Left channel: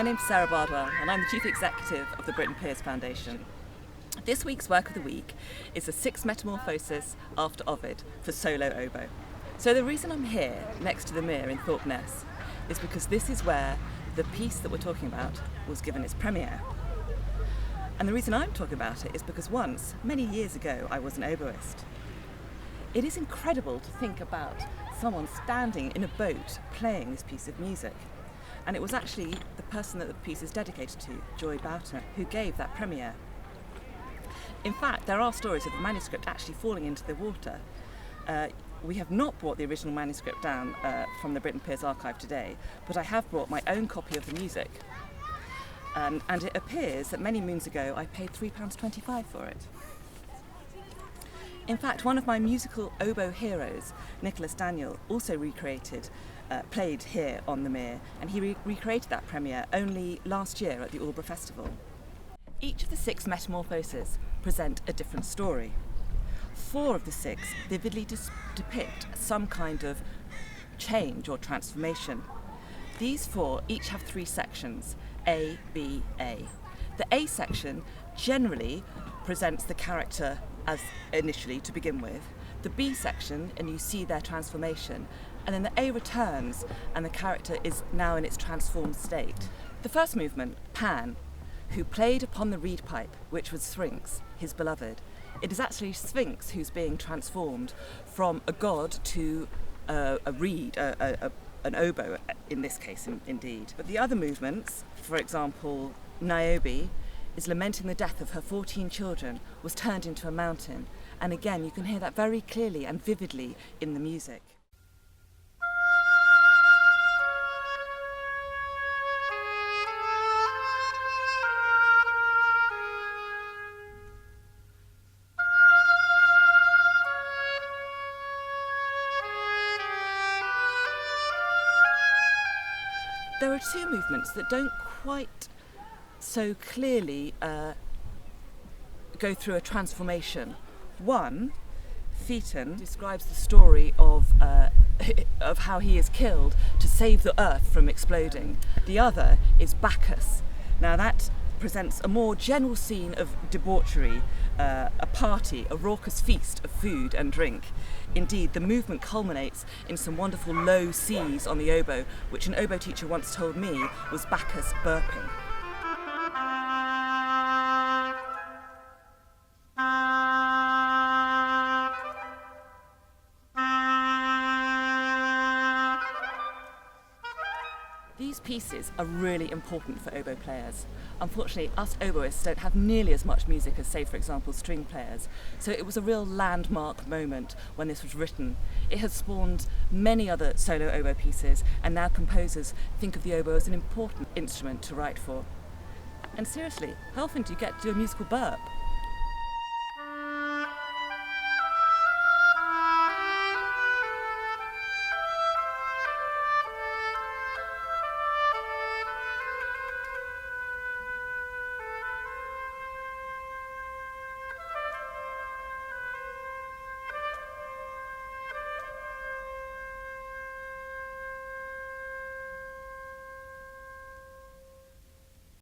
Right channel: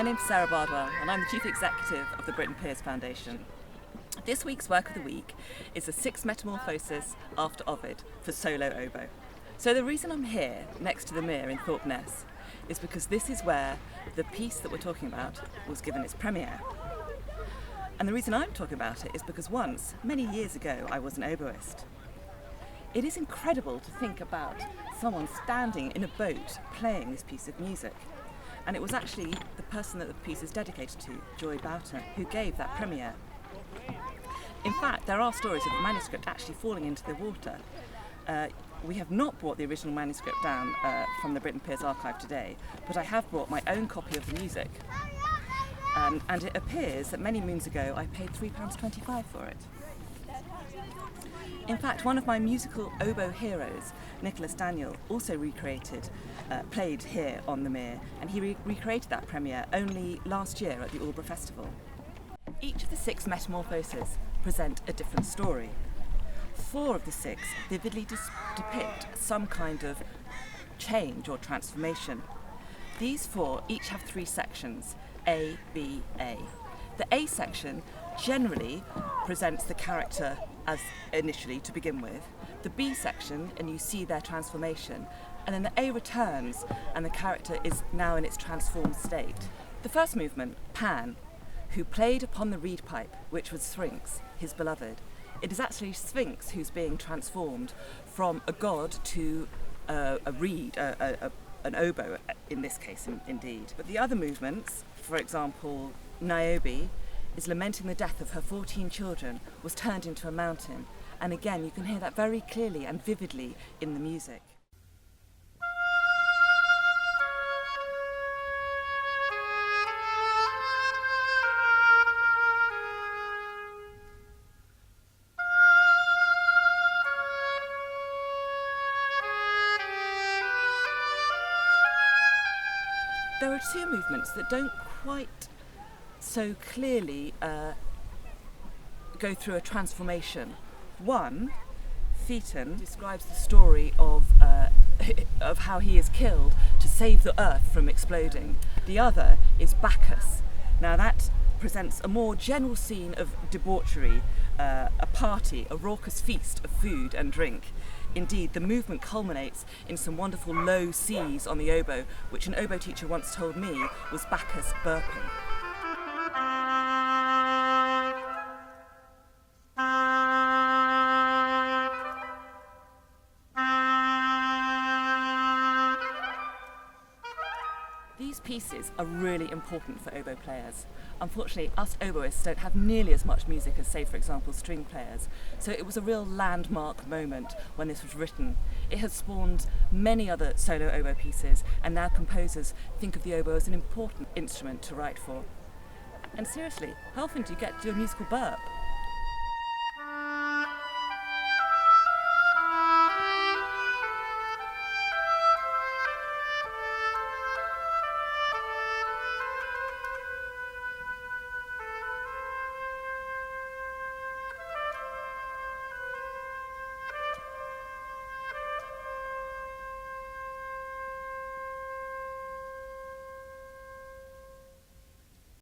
My name's Sarah Bardwell and I'm the Chief Executive of the Britten-Pears Foundation. This week's work of the week is the Six Metamorphoses after Ovid for solo oboe. So the reason I'm here next to the Meare in Thorpeness is because this is where the piece that we're talking about was given its premiere. And the reason I'm talking about it is because once, many years ago, I was an oboist. It is incredible to think about someone standing in a boat playing this piece of music. And it was actually the person that the piece is dedicated to, Janet Boughton, who gave that premiere. In fact, there are stories of the manuscript actually falling into the water. We have not brought the original manuscript down from the Britten-Pears archive today, but I have brought my own copy of the music. And it appears that many moons ago I paid £3.25 for it. In fact, one of my musical oboe heroes, Nicholas Daniel, also played here on the Meare, and he recreated that premiere only last year at the Aldeburgh Festival. Each of the six metamorphoses present a different story. 4 of the 6 vividly depict some kind of change or transformation. These 4 each have 3 sections, A, B, A. The A section generally presents the character as initially to begin with, the B section, and you see their transformation, and then the A returns and the character is now in its transformed state. The first movement, Pan, who played upon the reed pipe, which was Sphinx, his beloved. It is actually Sphinx who's being transformed from a god to a reed, an oboe in this case indeed. But the other movements, for example, Niobe, is lamenting the death of her 14 children, was turned into a mountain. And again, you can hear that very clearly and vividly in the music. There are 2 movements that don't quite so clearly go through a transformation. One, Phaeton, describes the story of how he is killed to save the earth from exploding. The other is Bacchus. Now that presents a more general scene of debauchery, a party, a raucous feast of food and drink. Indeed, the movement culminates in some wonderful low C's on the oboe, which an oboe teacher once told me was Bacchus burping. These pieces are really important for oboe players. Unfortunately, us oboists don't have nearly as much music as, say, for example, string players. So it was a real landmark moment when this was written. It has spawned many other solo oboe pieces, and now composers think of the oboe as an important instrument to write for. And seriously, how often do you get to do a musical burp?